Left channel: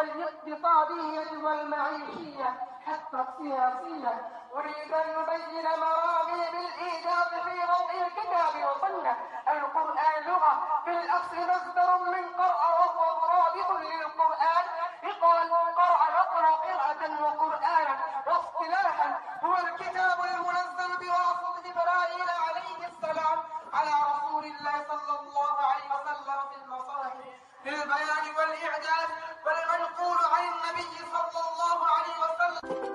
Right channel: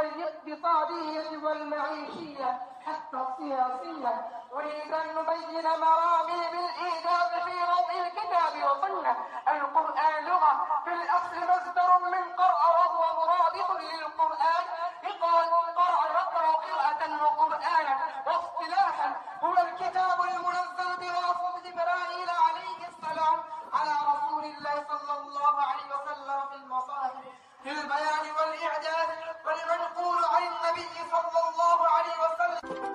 والاقتصادية والمعيشية حتى السياسية. أريد أن نبين مرامي بالإيجاز في ضوء الكتاب وسنة. القرآن لغة، بالأصل مصدر من قرأ وهو مرادف للقرآن، يقال قرأ يقرأ قراءة وقرآنا. واصطلاحا هو الكتاب المنزل بواسطة جبرائيل عليه السلام على رسول الله صلى الله عليه وسلم في المصاحف للبيان والإعجاز والمنقول عن النبي صلى الله عليه وسلم.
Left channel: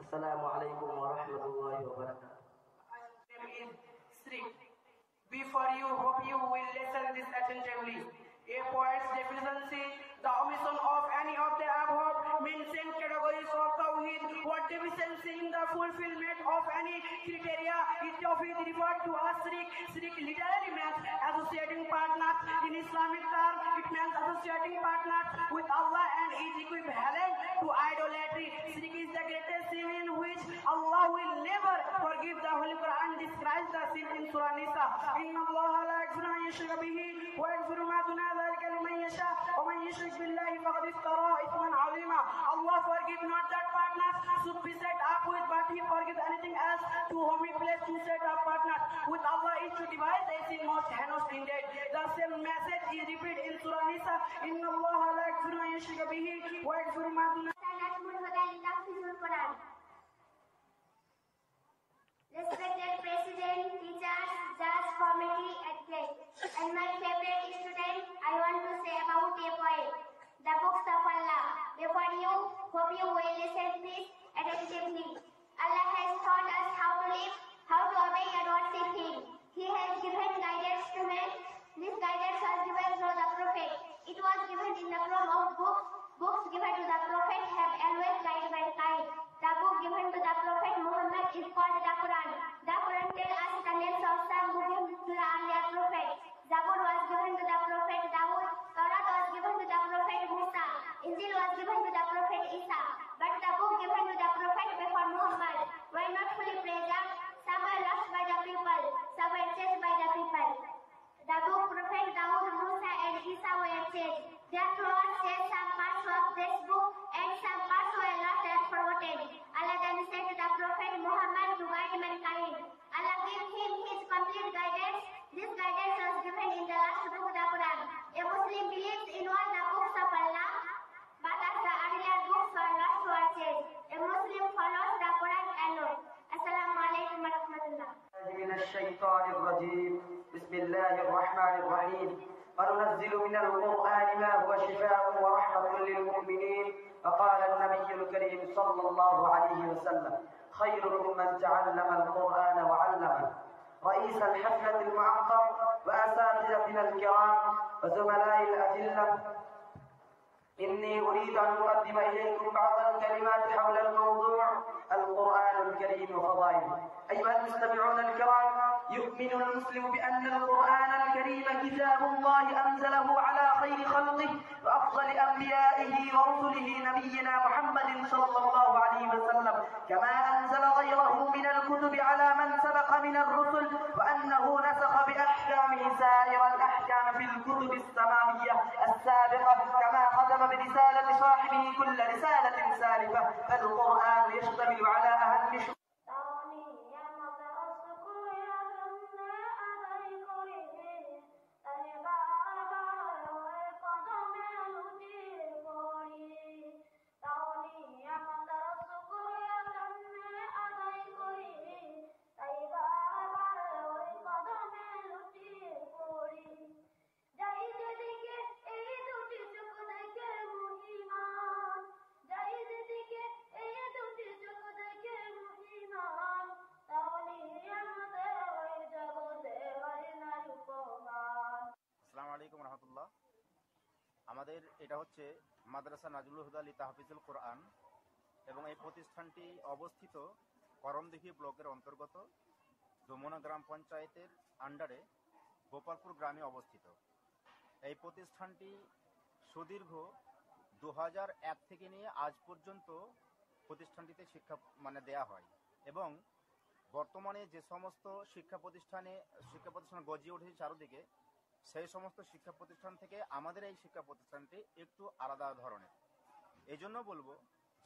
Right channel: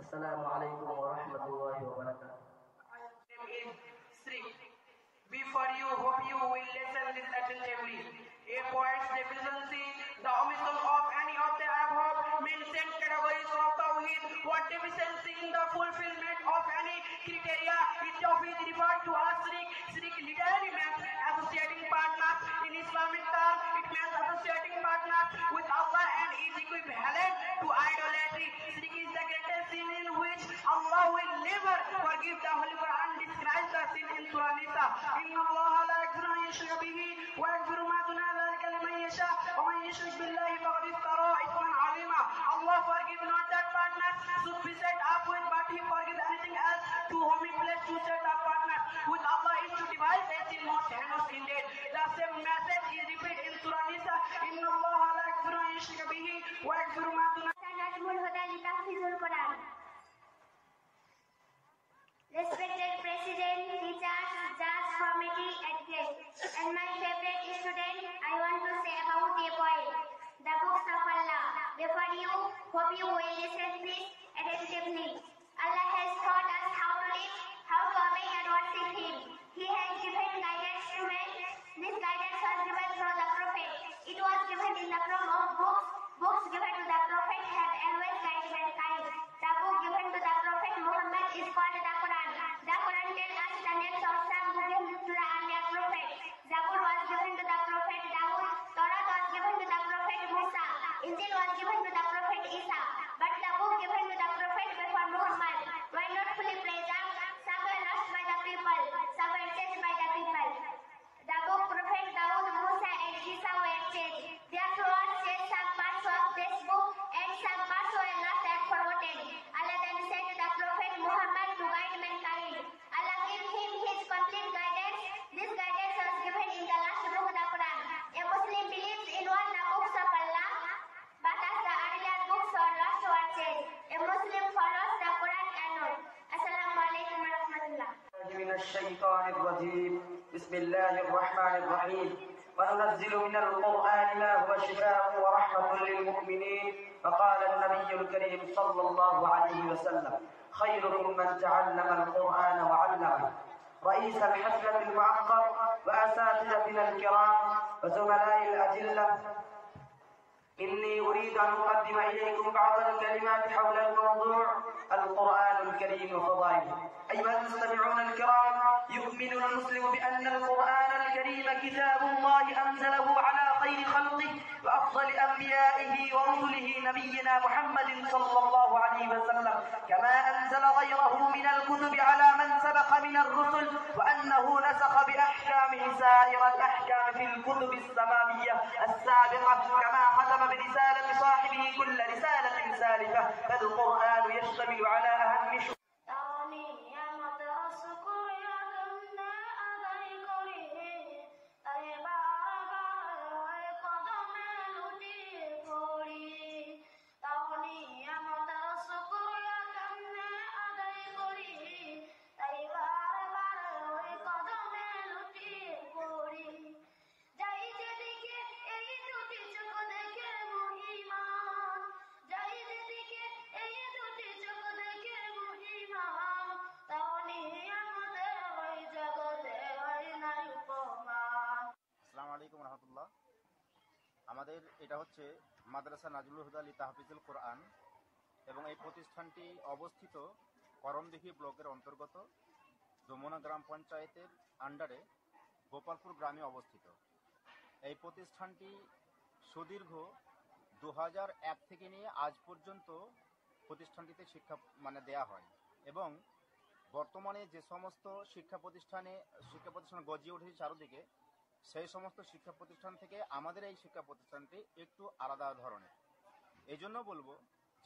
Assalamu alaikum wa rahmatullahi wa barakatuh. Before you, hope you will listen this attentively. A poet's deficiency, the omission of any of the above mentioned categories of Tawheed, what deficiency in the fulfillment of any criteria, it is referred to as shirk. Shirk literally means associating partners. In Islamic term, it means associating partners with Allah and is equivalent to idolatry. Shirk is the greatest sin in which Allah will never forgive. The Holy Quran describes the sin in Surah Nisa. إن الله لا يغفر أن يشرك به ويغفر ما دون ذلك لمن يشاء ومن يشرك بالله فقد افترى إثما عظيما. Allah forgive not that partners should be set up with, but He forgive anything else to whom He blessed to set up partners with Allah is to devise a sin most heinous indeed. The same message is repeated in Surah Nisa. إن الله لا يغفر أن يشرك به ويغفر ما دون. Respected President, teachers, judge, committee, and guests, and my favorite student, I want to say about a poem, the books of Allah. Before you, hope you will listen please attentively. Allah has taught us how to live, how to obey and worship Him. He has given guidance to men. This guidance was given through the Prophet. It was given in the form of books. Books given to the Prophet have always guided mankind. The book given to the Prophet Muhammad is called the Quran. The Quran tells us the names of some given to the earlier Prophet. Zabur was given to the Prophet Dawood. Torah was given to the Prophet Muslim follows the Quran alone. Assalamu alaikum wa rahmatullah. من الشيطان الرجيم بسم الله الرحمن الرحيم وننزل من القرآن ما هو شفاء ورحمة للمؤمنين فقال النبي الكريم صلى الله عليه وسلم خيركم من تعلم القرآن وعلمه رئيس الحفلة المعقر وأساتذتنا الكرام وزملاء الأجلة إني أريد أن أقدم إليكم بعض الكلمات حول الموضوع القرآن الكريم وفضائله. أيها المستمعون الكرام، يؤمن المسلم بأن القرآن الكريم كتاب الله أنزله على خير خلقه وأفضل أنبيائه ورسله نبينا محمد صلى الله عليه وسلم، كما أنزل غيره من الكتب على من سبق من الرسل، وأنه نسخ بأحكامه سائر الأحكام في الكتب السماوية السابقة، كما ختم برسالة صاحبه كل رسالة سالفة، فالقرآن يشتمل على أهم আসসালামু আলাইকুম রহমতুল্লাহ। আমাদের এটা হচ্ছে মাদ্রাসা নাজমুল হুদা লি তাহফিজুল কোরআন এবং এই প্রতিষ্ঠানটি অবস্থিত করমদিঘি ব্লকের অন্তর্গত যমুনা গ্রাম পঞ্চায়েতের আন্ডারে গোপালপুর গ্রামে অবস্থিত। এই প্রতিষ্ঠানটি সুদীর্ঘ 2001 থেকে নিয়ে আজ পর্যন্ত প্রতিষ্ঠানটিতে শিক্ষা দেয়া হয় এবং বর্তমানে যে সমস্ত শিক্ষা প্রতিষ্ঠান গজিয়ে উঠেছে চারদিকে, সেই সমস্ত শিক্ষা প্রতিষ্ঠান থেকে আমাদের এই শিক্ষা প্রতিষ্ঠানটি একটু আলাদা ধরনের। এই জন্য বলবো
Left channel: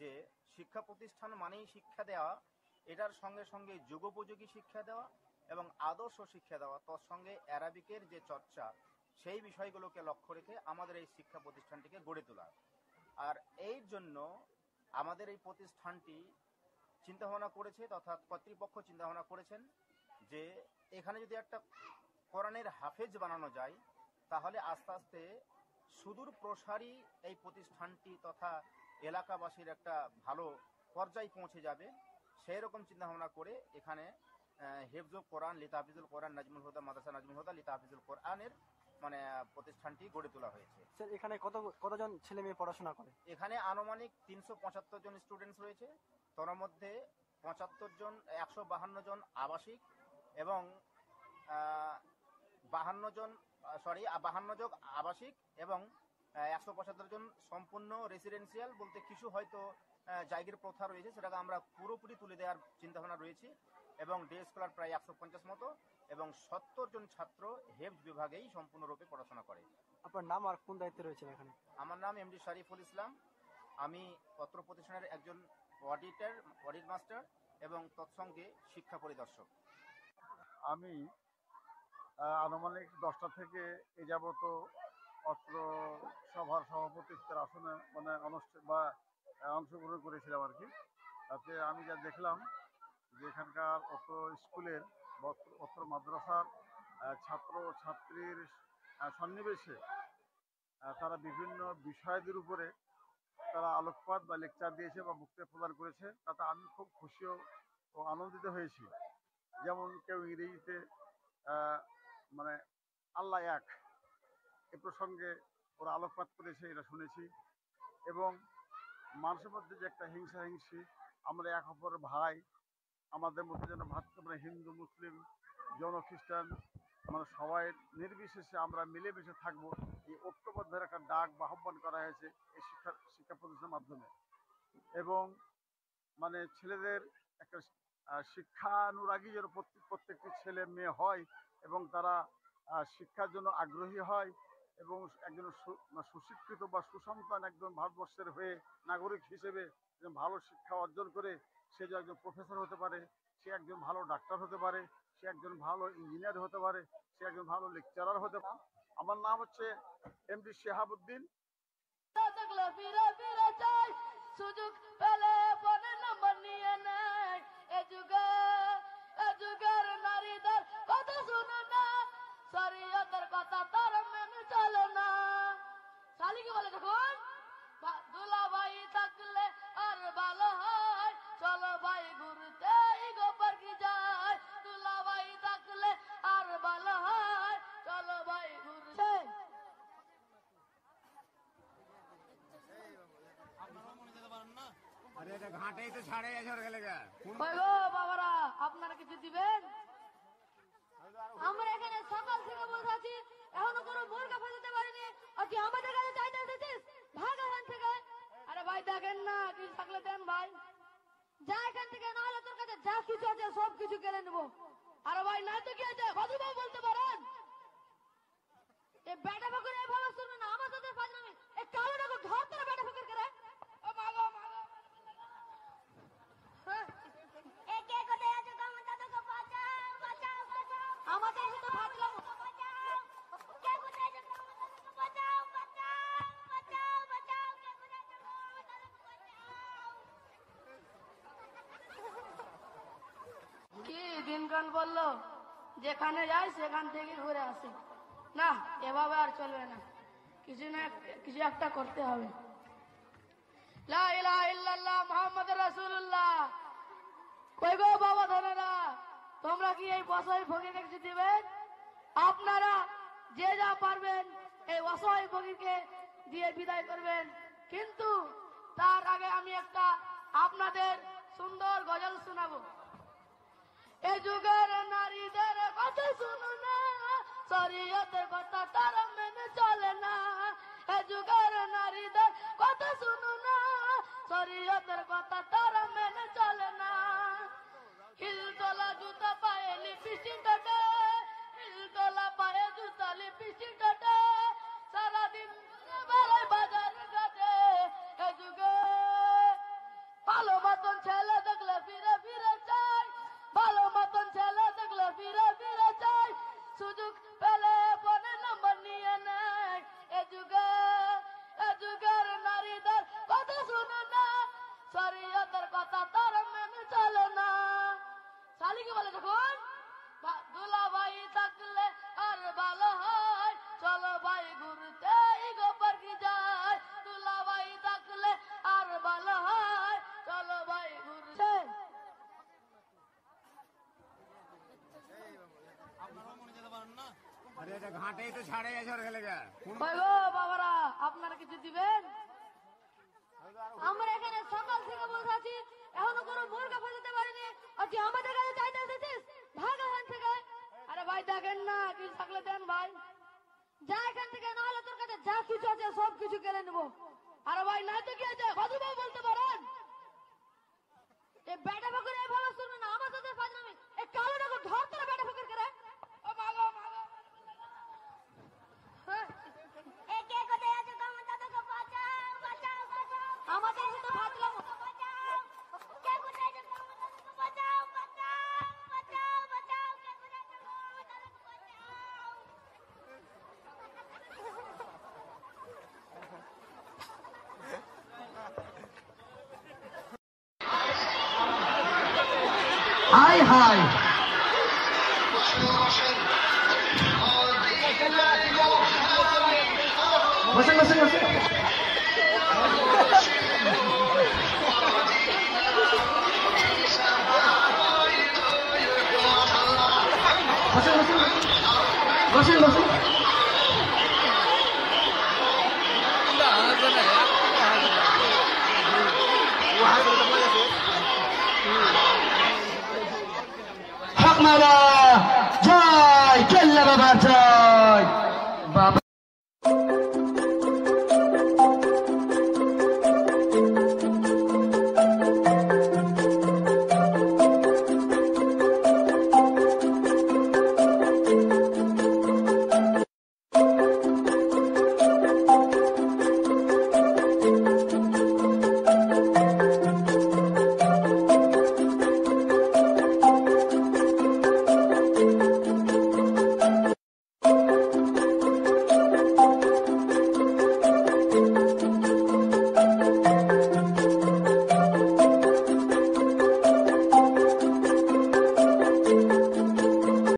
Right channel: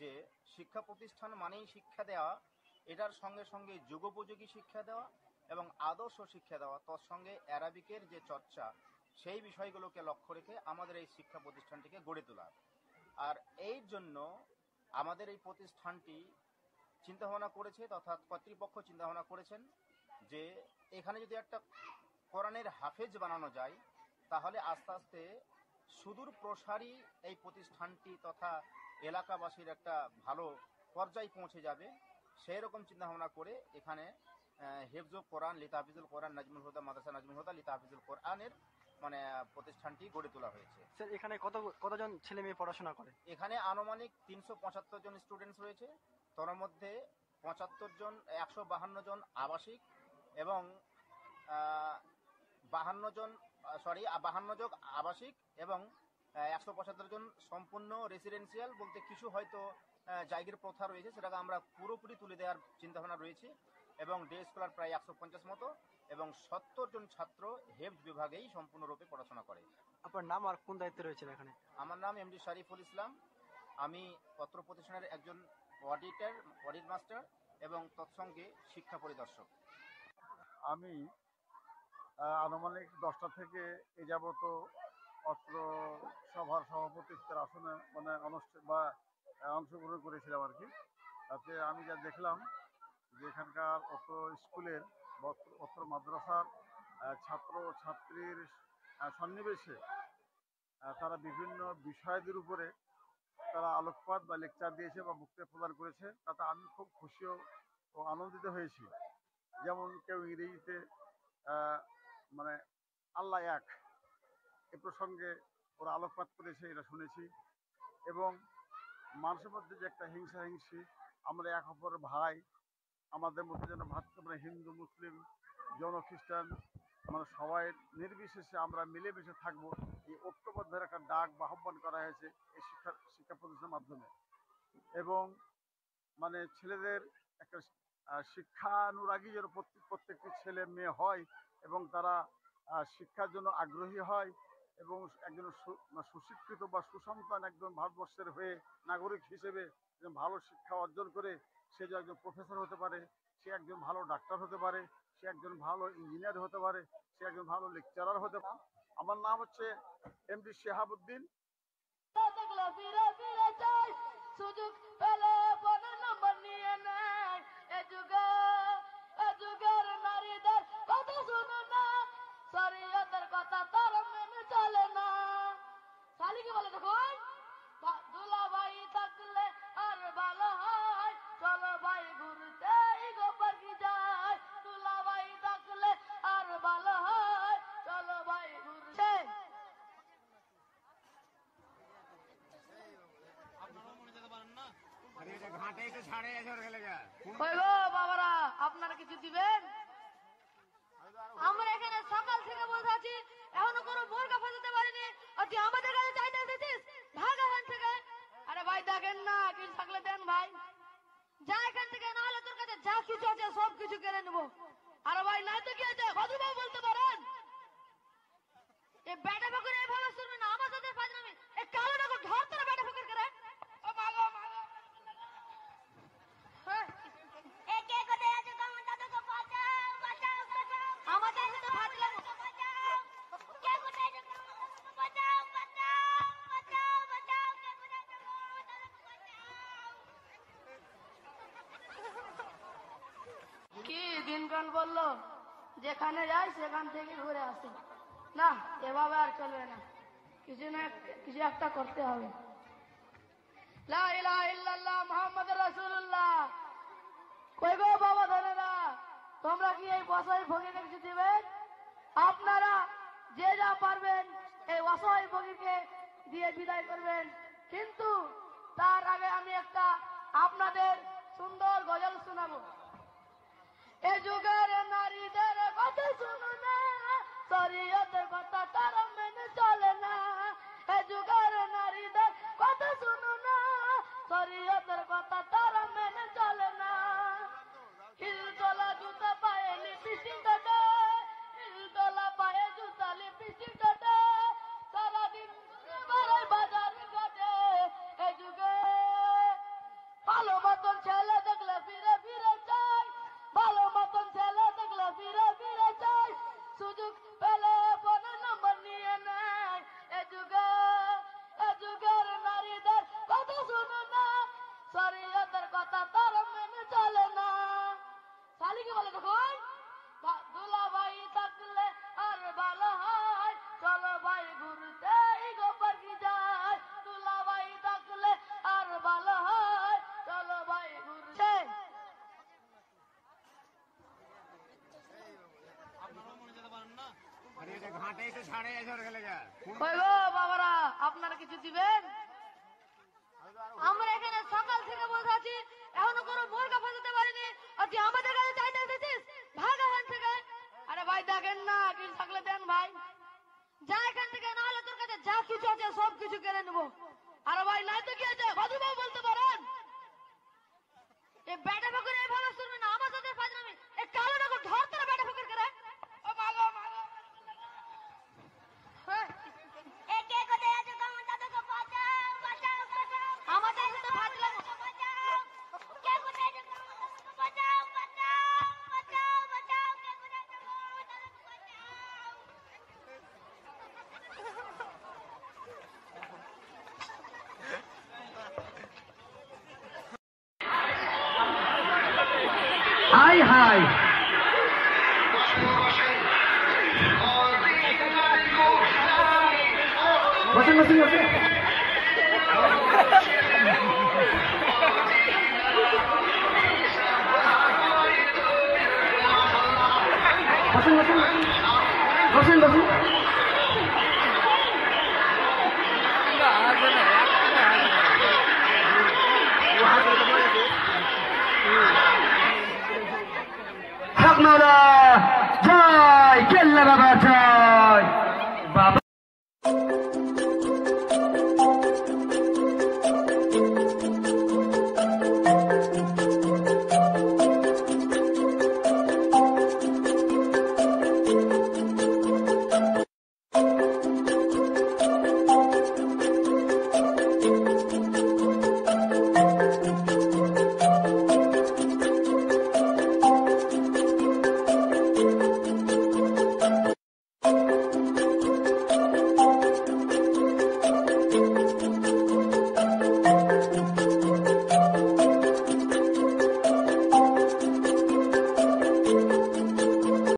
যে শিক্ষা প্রতিষ্ঠান মানেই শিক্ষা দেওয়া, এটার সঙ্গে সঙ্গে যুগোপযোগী শিক্ষা দেওয়া এবং আদর্শ শিক্ষা দেওয়া, তার সঙ্গে অ্যারাবিকের যে চর্চা সেই বিষয়গুলোকে লক্ষ্য রেখে আমাদের এই শিক্ষা প্রতিষ্ঠানটিকে গড়ে তোলা। আর এই জন্য আমাদের এই প্রতিষ্ঠানটি চিন্তাভাবনা করেছে তথা কর্তৃপক্ষ চিন্তাভাবনা করেছেন যে এখানে যদি একটা কোরআনের হাফেজ বানানো যায় তাহলে আস্তে আস্তে সুদূর প্রসারী এই প্রতিষ্ঠানটি তথা এলাকাবাসীর একটা ভালো পর্যায়ে পৌঁছে যাবে। সেই রকম চিন্তাভাবনা করে এখানে হেফজুল কোরআন লি তাহফিজুল কোরআন নাজমুল হুদা মাদ্রাসা নাজমুল হুদা লি তাহফিজুল কোরআনের প্রতিষ্ঠানটি গড়ে তোলা হয়েছে। স্যার, এখানে কতজন ছেলে মেয়ে পড়াশোনা করে? এখানে আনুমানিক 375 জন স্টুডেন্টস রয়েছে, তার মধ্যে 152 জন আবাসিক এবং 52 জন আবাসিক এবং 175 জন সম্পূর্ণ রেসিডেন্সিয়াল, বলতে কিছু হয়তো জায়গার প্রথা রয়েছে, সেটাকে আমরা পুরোপুরি তুলে দেওয়ার চিন্তাভাবনা রয়েছে এবং ডে স্কলার প্রায় 150 মতো এবং 70 জন ছাত্র হেফজ বিভাগেই সম্পূর্ণরূপে পড়াশোনা করে। আপনার নাম আর কোন দায়িত্বে রয়েছেন এখানে? আমার নাম এমডি শরীফুল ইসলাম। আমি পত্র প্রতিষ্ঠানের একজন অডিট মাস্টার এবং তৎসঙ্গে শিক্ষা পরিদর্শক। আমি আনুমানিক 10টা থেকে এ যাবত অত্র সভার সভাপতিত্বের আসনে অংশগ্রহণ করেছিলাম আর কি। তাতে আমি যা দেখলাম যে এখানকার অত্র স্কুলের অত্র মাদ্রাসার ছাত্র ছাত্রীর সন্নিবেশে তারা বিভিন্ন বিষয়দের উপরে তারা আলোকপাত বা লেকচার দিয়েছে বা বক্তৃতা প্রদান করেছে, তাতে আমি খুব খুশি ও আনন্দিত হয়েছি। যেমন কেউ ইংরেজিতে আল্লাহ এক এ প্রসঙ্গে ওরা আলোকপাত করেছে, এটা শুনেছি। এবং মানুষের মধ্যে যে একটা হিংসি, আমরা এক অপরের ভাই, আমাদের মধ্যে যেন ভাতৃ হিন্দু মুসলিম জন খ্রিস্টান সবাই নির্বিশেষে আমরা মিলেমিশে থাকবো, এই ঐক্যবদ্ধের একটা ডাক বা আহ্বান করা হয়েছে এই শিক্ষা প্রতিষ্ঠানের মাধ্যমে। এবং ছেলেদের একটা শিক্ষানুরাগী যেন প্রত্যেকটি ছেলে মেয়ে হয় এবং তারা শিক্ষার জন্য আগ্রহী হয় এবং একজন সুশিক্ষিত বা সুসন্তান একজন ভারতবর্ষের হয়ে নাগরিক হিসেবে ভালো শিক্ষা অর্জন করে সে যে একজন প্রফেসর হতে পারে, সে একজন ভালো ডাক্তার হতে পারে, সে একজন ভালো ইঞ্জিনিয়ার হতে পারে, সে একজন ভালো লেকচারার হতে পারে। আমার নাম হচ্ছে এমডি শেহাবুদ্দিন। সুযোগ পেলে কই গো বাবারা, আপনারা কিছু দিবেন? আমরা এখানে সকাল থেকে বসে আছি, এখনো কোনো মুরগা ফসাতে পারিনি, আর তুই আমাদের কাছে চাইতে এসেছিস? ভাগ এখান থেকে। আরে ভাই দেখেন না, কিছু থাকলে দেন ভাই, যা এখান থেকে, না হলে তোর কাছে যা কিছু আছে সব কিছু কেড়ে নেবো। আরে ভাই নাই তো কি আছে, ভদ্রভাবে বলতে পারেন। এই বেটা ফকির এইভাবে শুনবে না, আমার সাথে ফাজলামি। এই কালোটাকে ধর তোরা বেটা ফকির করে। ও মাগো মাগো, একে কোথায় আছে? গঙ্গা দাদাকে বাঁচাও, বাঁচাও, বাঁচাও। আমাদের সাথে ফাজলামি। বাঁচাও। কে কোথায় আছে? গঙ্গা দাদাকে বাঁচাও, বাঁচাও, বাঁচাও, বাঁচাও। কে কোথায় আছে? গঙ্গা দাদাকে বাঁচাও। কি দিনকাল বললো, যেখানে যাই সেখান থেকে ঘুরে আসি। না, এভাবে আর চলবে না, কিছু না কিছু একটা করতে হবে। লা ইলাহা ইল্লাল্লাহ মুহাম্মাদুর রাসূলুল্লাহ। কই গো বাবা ধনেরা, তোমরা কি এই অসহায় ফকিরকে কিছু দিবেন? আপনারা যে যা পারবেন এই অসহায় ফকিরকে দিয়ে বিদায় করবেন, কিন্তু তার আগে আমি একটা আপনাদের সুন্দর গজল শোনাবো। এ যুগের নারীদের কথা শুনো না, শরীয়তের কথা তারা মেনে চলে না। এ যুগের নারীদের কথা শুনো না, শরীয়তের কথা তারা মেনে চলে না। হিলতলা জুতা পায়ে লিপস্টিক কাটে, হিলতলা পায়ে জুতা লিপস্টিক কাটে, সারাদিন বাজার কাটে। এ যুগে ভালো মতন ছেলে দেখলে ফিরে ফিরে চাই, ভালো মতন ছেলে দেখলে ফিরে ফিরে চাই, সুযোগ পেলে ফোনে নাম্বার নিয়ে নেয়। এ যুগের নারীদের কথা শুনে না, শরীয়তের কথা তারা মেনে চলে না। শালি কি বলে যখন, দুলা ভাই থাকলে আর ভালো হয়, চলো ভাই ঘুরতে গোবর কি যায়। দুলা ভাই থাকলে আর ভালো হয়, চলো ভাই ঘুরতে। কই গো বাবারা, আপনারা কিছু দিবেন? আমরা এখানে সকাল থেকে বসে আছি, এখনো কোনো মুরগা ফসাতে পারিনি, আর তুই আমাদের কাছে চাইতে এসেছিস? ভাগ এখান থেকে। আরে ভাই দেখেন না, কিছু থাকলে দেন ভাই, যা এখান থেকে, না হলে তোর কাছে যা কিছু আছে সব কিছু কেড়ে নেবো। আরে ভাই নাই তো কি আছে, ভদ্রভাবে বলতে পারেন। এই বেটা ফকির এইভাবে শুনবে না, আমার সাথে ফাজলামি। এই কালোটাকে ধর তোরা বেটা ফকির করে। ও মাগো মাগো, একে কোথায় আছে? গঙ্গা দাদাকে বাঁচাও, বাঁচাও, বাঁচাও। আমাদের সাথে ফাজলামি। বাঁচাও। কে কোথায় আছে? গঙ্গা দাদাকে বাঁচাও, বাঁচাও, বাঁচাও, বাঁচাও। কে কোথায় আছে? গঙ্গা দাদাকে বাঁচাও। হাই হাই, বসেন বসেন বসেন। বসেন বসেন। হক মাওলা জয়, কেল্লা বাবা জয়।